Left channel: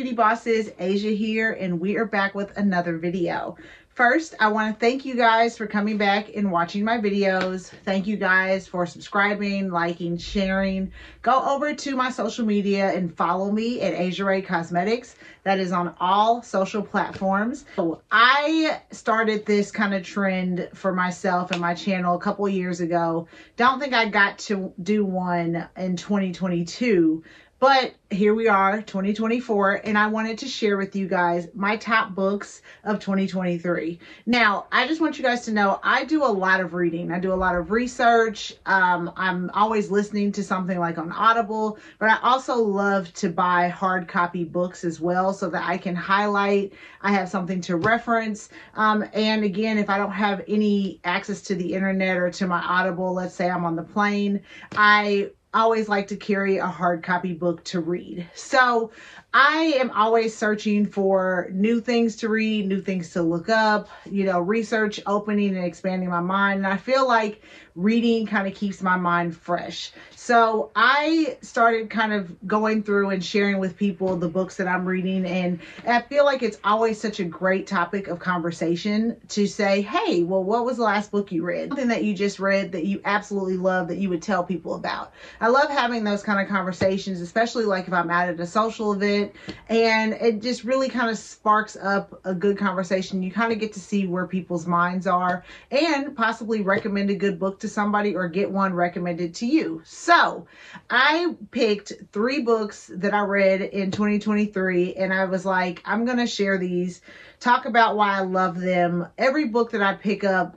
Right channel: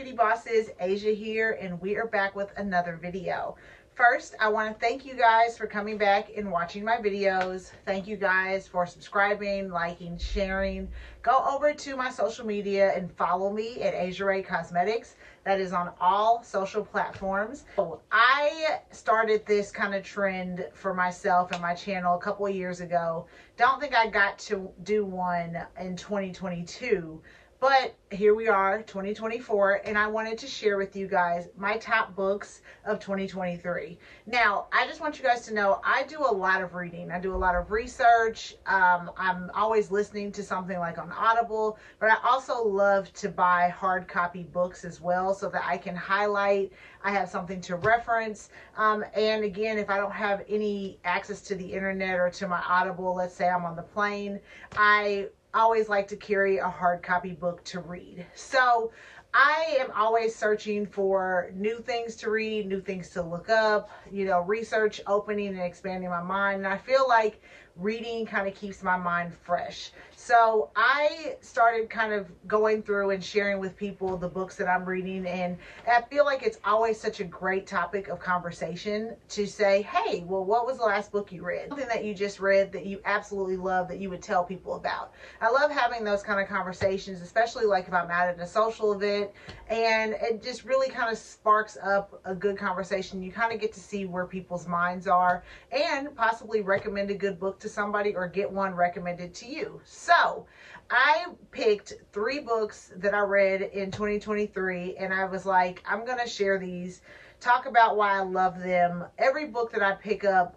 beauty bosses, Asia here, and we are back with another video. First, I want to thank you guys for coming back and watching my videos. Thank you guys for subscribing, liking, sharing. Go over to my social media and follow me at Asia Ray Cosmetics. That is on all social platforms. So I started this kind of trend for myself and my channel a couple of years ago. Don't think I got to do one in 2022. But here we are, 2024, and I wanted to share with you guys my top books of 2023. Now, I just want you guys to know I do a lot of reading. I do a lot of research. I'm always listening to something like on Audible, but I also love to buy hard copy books as well so that I can highlight. I have something to reference. And again, if I don't have any access to the internet or to my Audible, let's say I'm on the plane, I always like to carry a hard copy book to read. So I am always searching for new things to read, new things to look up, you know, research, opening and expanding my mind. And I feel like reading kind of keeps my mind fresh. So I started kind of going through and sharing with people the books that I'm reading. And I feel like it's always such a great topic of conversation to say, hey, well, what was the last book you read? Something that you just read that you absolutely love that you would tell people about. I love having those kind of conversations, especially like if I'm out at a social event, and it just really kind of sparks up a good conversation. You kind of get to see where people's minds are and possibly recommend a good book to somebody or get one recommended to you. So I picked 3 books that I read in 2023, and I was like, I'm going to share these, talk about why I love them. Every book that I pick up,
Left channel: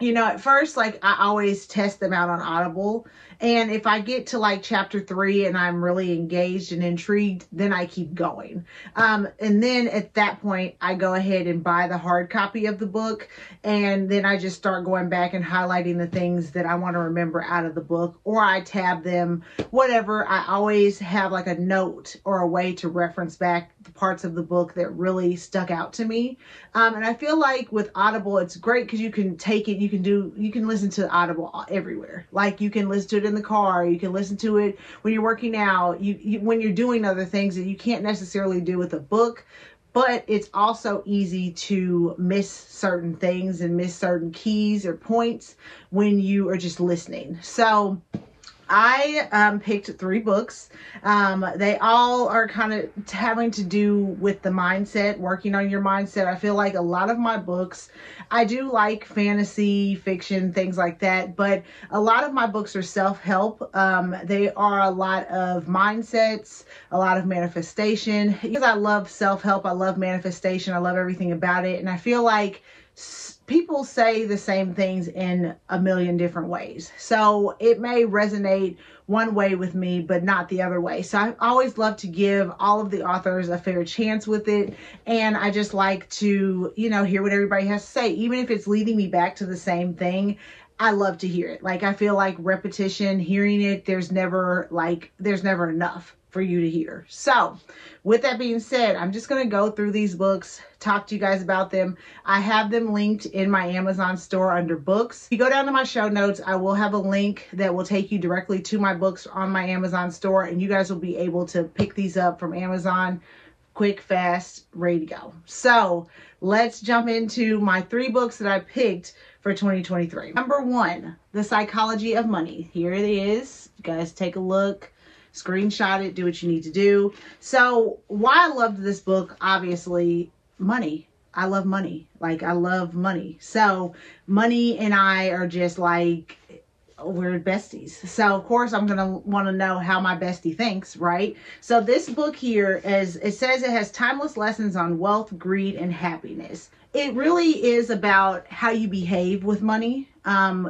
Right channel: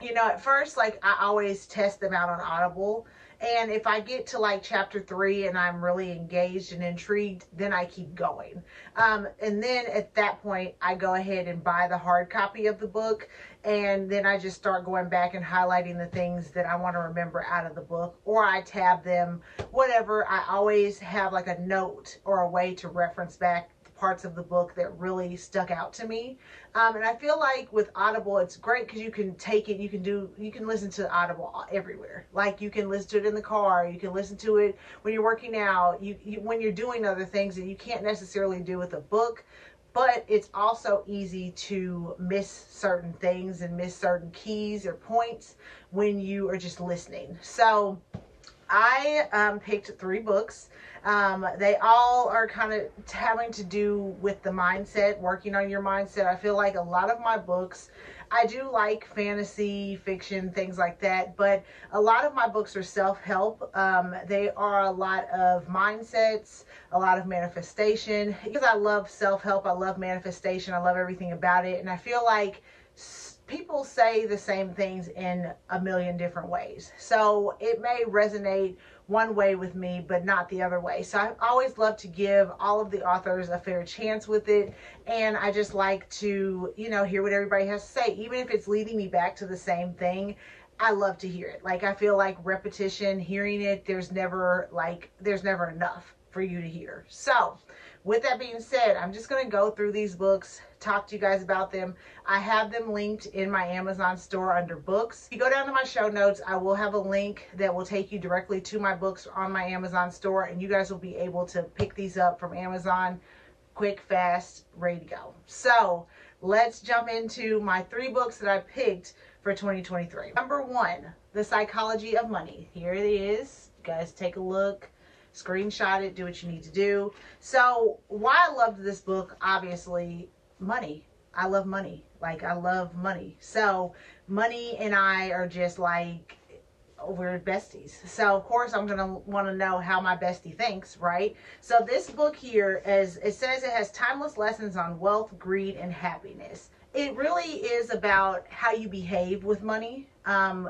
you know, at first, like, I always test them out on Audible. And if I get to like chapter 3 and I'm really engaged and intrigued, then I keep going. And then at that point, I go ahead and buy the hard copy of the book. And then I just start going back and highlighting the things that I want to remember out of the book, or I tab them, whatever. I always have like a note or a way to reference back the parts of the book that really stuck out to me. And I feel like with Audible, it's great because you can take it, you can listen to Audible everywhere. Like, you can listen to it in the car, you can listen to it when you're working out, when you're doing other things that you can't necessarily do with a book. But it's also easy to miss certain things and miss certain keys or points when you are just listening. So I picked 3 books. They all are kind of having to do with the mindset, working on your mindset. I feel like a lot of my books, I do like fantasy, fiction, things like that, but a lot of my books are self-help. They are a lot of mindsets, a lot of manifestation. Because I love self-help, I love manifestation, I love everything about it, and I feel like people say the same things in a million different ways. So it may resonate one way with me, but not the other way. So I always love to give all of the authors a fair chance with it. And I just like to, you know, hear what everybody has to say. Even if it's leading me back to the same thing, I love to hear it. Like, I feel like repetition, hearing it, there's never enough for you to hear. So with that being said, I'm just going to go through these books, talk to you guys about them. I have them linked in my Amazon store under books. If you go down to my show notes, I will have a link that will take you directly to my books on my Amazon store, and you guys will be able to pick these up from Amazon quick, fast, ready to go. So let's jump into my 3 books that I picked for 2023. Number 1, The Psychology of Money. Here it is. You guys take a look. Screenshot it, do what you need to do. So why I loved this book, obviously, money. I love money. Like, I love money. So money and I are just like, we're besties. So of course I'm going to want to know how my bestie thinks, right? So this book here, as it says, it has timeless lessons on wealth, greed, and happiness. It really is about how you behave with money,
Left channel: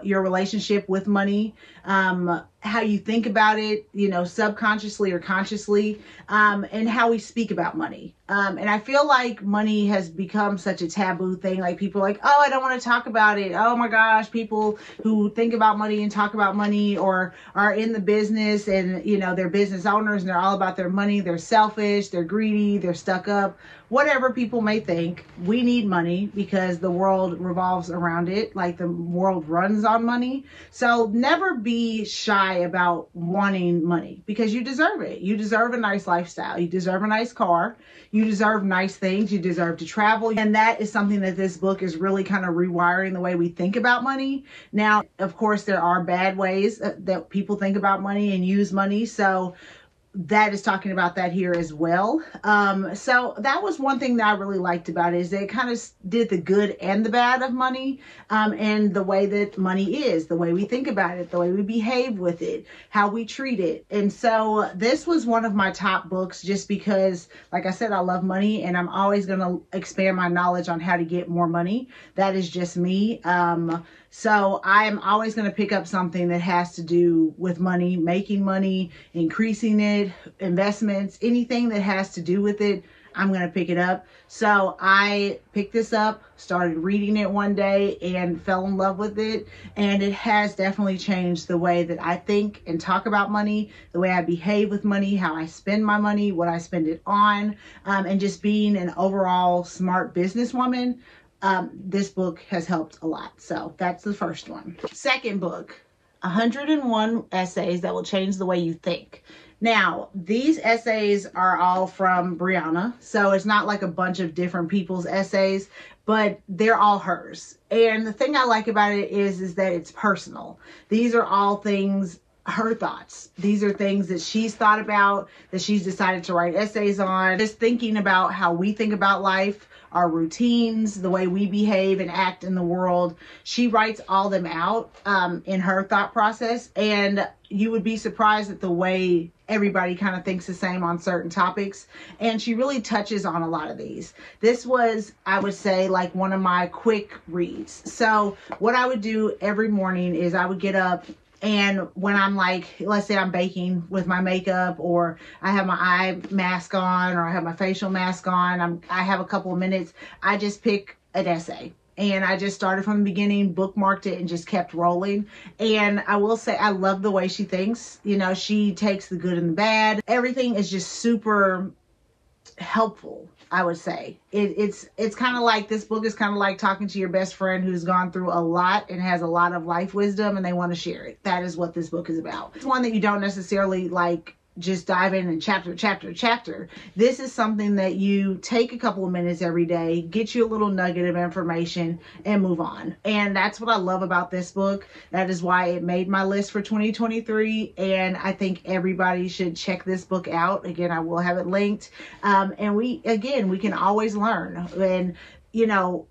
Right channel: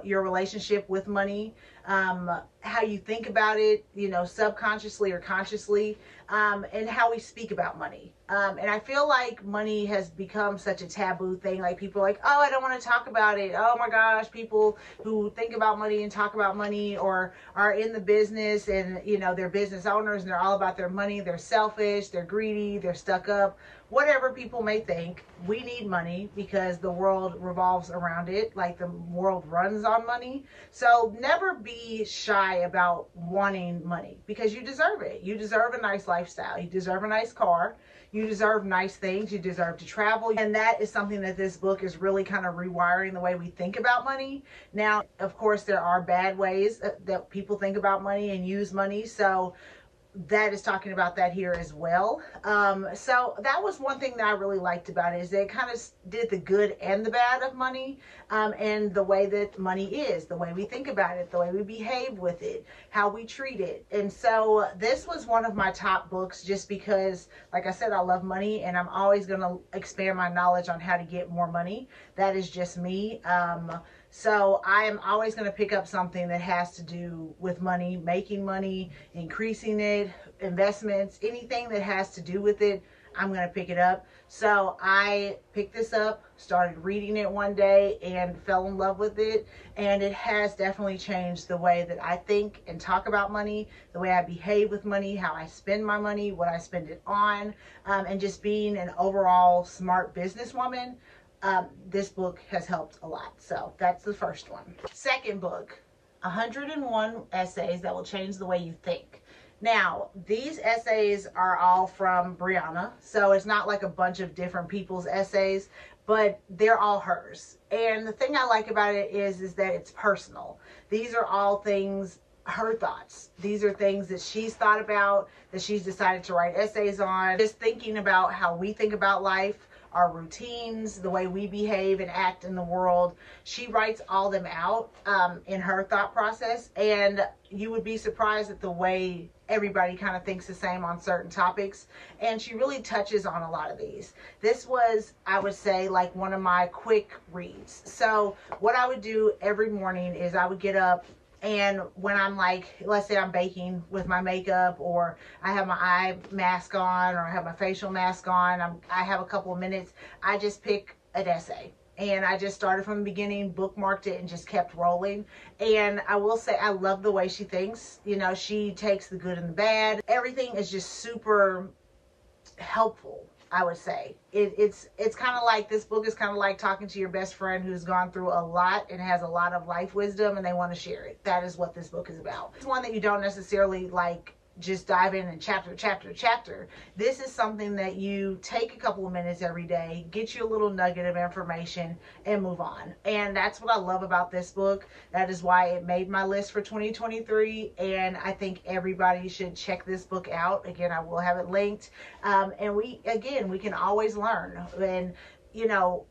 your relationship with money, how you think about it, you know, subconsciously or consciously, and how we speak about money. And I feel like money has become such a taboo thing. Like, people are like, oh, I don't want to talk about it. Oh my gosh, people who think about money and talk about money or are in the business and, you know, they're business owners and they're all about their money. They're selfish, they're greedy, they're stuck up. Whatever people may think, we need money because the world revolves around it. Like, the world world runs on money. So never be shy about wanting money, because you deserve it. You deserve a nice lifestyle. You deserve a nice car. You deserve nice things. You deserve to travel. And that is something that this book is really kind of rewiring the way we think about money. Now, of course, there are bad ways that people think about money and use money. So that is talking about that here as well. So that was one thing that I really liked about it, is that it kind of did the good and the bad of money, and the way that money is, the way we think about it, the way we behave with it, how we treat it. And so this was one of my top books, just because, like I said, I love money and I'm always going to expand my knowledge on how to get more money. That is just me. So I am always going to pick up something that has to do with money, making money, increasing it, investments, anything that has to do with it, I'm going to pick it up. So I picked this up, started reading it one day, and fell in love with it. And it has definitely changed the way that I think and talk about money, the way I behave with money, how I spend my money, what I spend it on, and just being an overall smart businesswoman. This book has helped a lot. So that's the first one. Second book, 101 Essays That Will Change the Way You Think. Now, these essays are all from Brianna. So it's not like a bunch of different people's essays, but they're all hers. And the thing I like about it is that it's personal. These are all things, her thoughts. These are things that she's thought about, that she's decided to write essays on. Just thinking about how we think about life, our routines, the way we behave and act in the world. She writes all them out in her thought process, and you would be surprised at the way everybody kind of thinks the same on certain topics. And she really touches on a lot of these. This was, I would say, like one of my quick reads. So what I would do every morning is I would get up, and when I'm like, let's say I'm baking with my makeup, or I have my eye mask on, or I have my facial mask on, I have a couple of minutes, I just pick an essay. And I just started from the beginning, bookmarked it, and just kept rolling. And I will say, I love the way she thinks. You know, she takes the good and the bad. Everything is just super helpful, I would say. It's kind of like, this book is kind of like talking to your best friend who's gone through a lot and has a lot of life wisdom, and they want to share it. That is what this book is about. It's one that you don't necessarily like just dive in and chapter. This is something that you take a couple of minutes every day, get you a little nugget of information, and move on. And that's what I love about this book. That is why it made my list for 2023. And I think everybody should check this book out. Again, I will have it linked. And we can always learn. And, you know,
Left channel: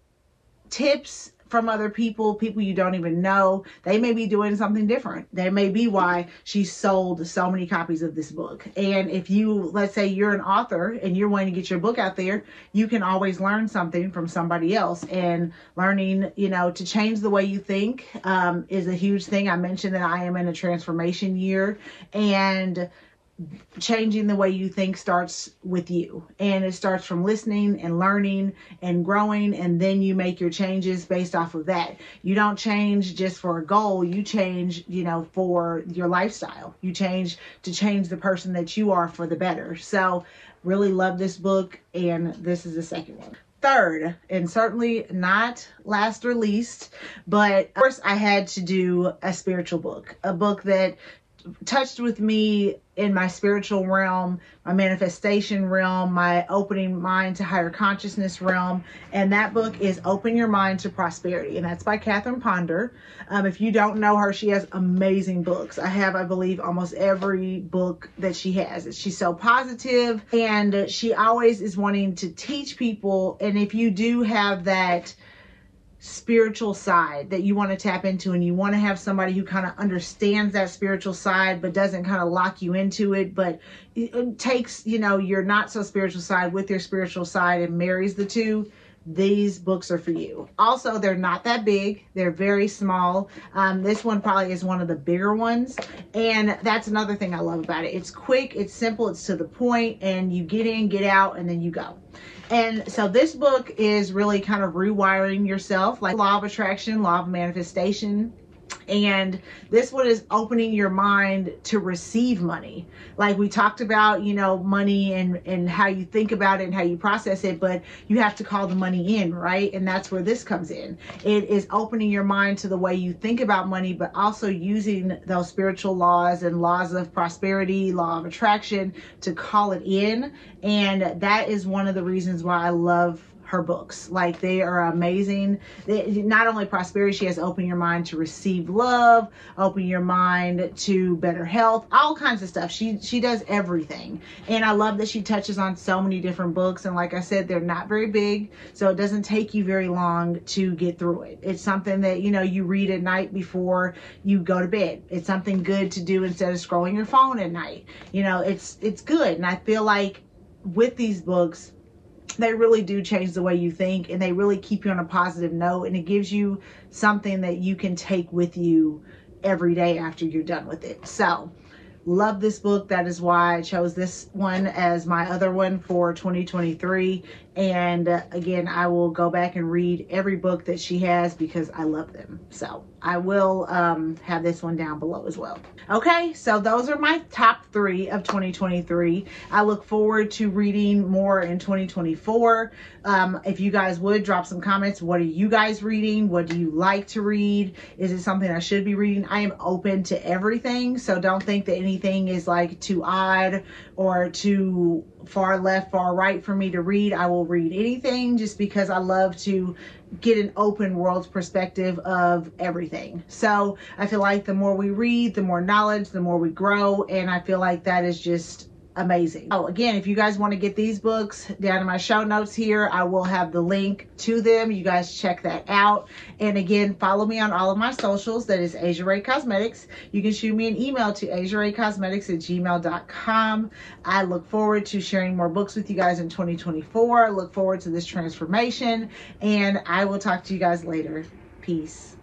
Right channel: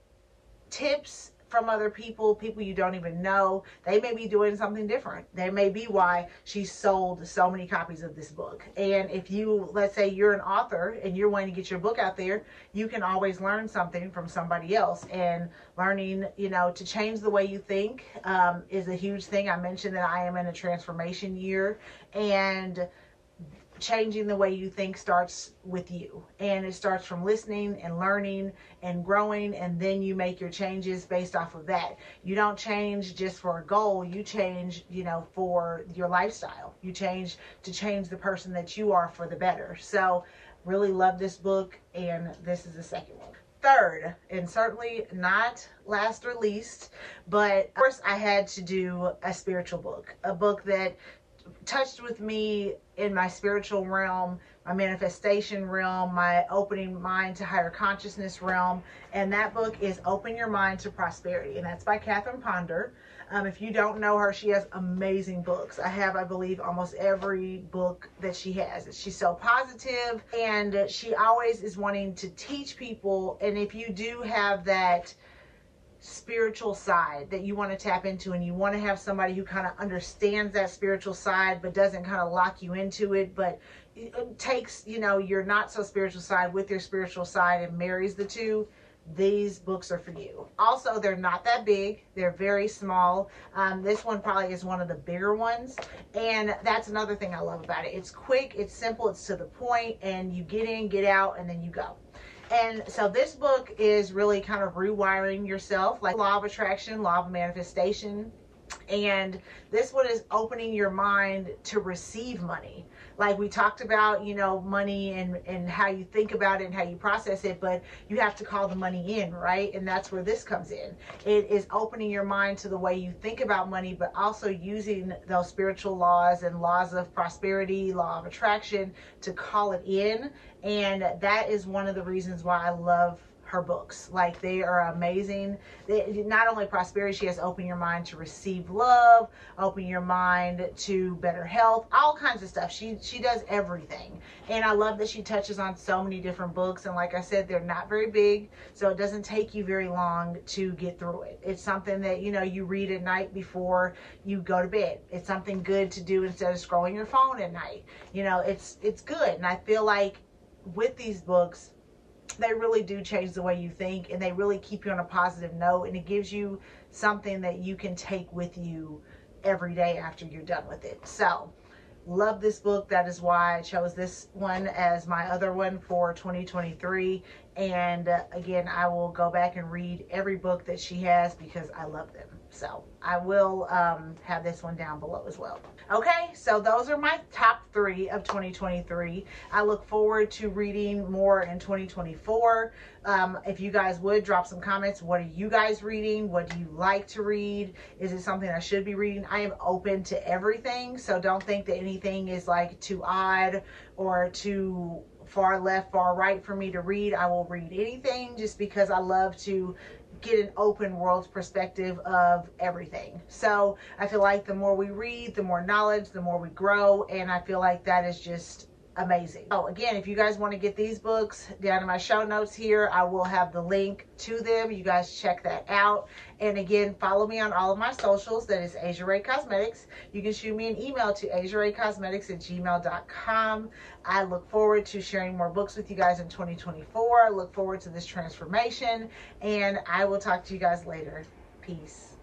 tips from other people you don't even know. They may be doing something different. That may be why she sold so many copies of this book. And if you, let's say you're an author and you're wanting to get your book out there, you can always learn something from somebody else. And learning, you know, to change the way you think is a huge thing. I mentioned that I am in a transformation year, and changing the way you think starts with you, and it starts from listening and learning and growing, and then you make your changes based off of that. You don't change just for a goal. You change, you know, for your lifestyle. You change to change the person that you are for the better. So really love this book, and this is the second one. Third, and certainly not last or least, but of course I had to do a spiritual book, a book that touched with me in my spiritual realm, my manifestation realm, my opening mind to higher consciousness realm. And that book is Open Your Mind to Prosperity. And that's by Catherine Ponder. If you don't know her, she has amazing books. I have, I believe, almost every book that she has. She's so positive, and she always is wanting to teach people. And if you do have that spiritual side that you want to tap into, and you want to have somebody who kind of understands that spiritual side but doesn't kind of lock you into it, but it takes, you know, your not so spiritual side with your spiritual side and marries the two, these books are for you. Also, they're not that big. They're very small. This one probably is one of the bigger ones, and that's another thing I love about it. It's quick, it's simple, it's to the point, and you get in, get out, and then you go. And so this book is really kind of rewiring yourself, like law of attraction, law of manifestation. And this one is opening your mind to receive money. Like we talked about, you know, money and how you think about it and how you process it, but you have to call the money in, right? And that's where this comes in. It is opening your mind to the way you think about money, but also using those spiritual laws and laws of prosperity, law of attraction to call it in. And that is one of the reasons why I love her books. Like, they are amazing. Not only prosperity, she has open your mind to receive love, open your mind to better health, all kinds of stuff. She does everything. And I love that she touches on so many different books. And like I said, they're not very big, so it doesn't take you very long to get through it. It's something that, you know, you read at night before you go to bed. It's something good to do instead of scrolling your phone at night. You know, it's good. And I feel like with these books, they really do change the way you think, and they really keep you on a positive note, and it gives you something that you can take with you every day after you're done with it. So love this book. That is why I chose this one as my other one for 2023. And again, I will go back and read every book that she has because I love them. So I will have this one down below as well. Okay, so those are my top 3 of 2023. I look forward to reading more in 2024. If you guys would drop some comments, what are you guys reading? What do you like to read? Is it something I should be reading? I am open to everything, so don't think that anything is like too odd or too far left, far right for me to read. I will read anything just because I love to get an open world's perspective of everything. So I feel like the more we read, the more knowledge, the more we grow, and I feel like that is just amazing. Oh, again, if you guys want to get these books, down in my show notes here, I will have the link to them. You guys check that out. And again, follow me on all of my socials. That is Asia Ray Cosmetics. You can shoot me an email to asiaraycosmetics@gmail.com. I look forward to sharing more books with you guys in 2024. I look forward to this transformation, and I will talk to you guys later. Peace.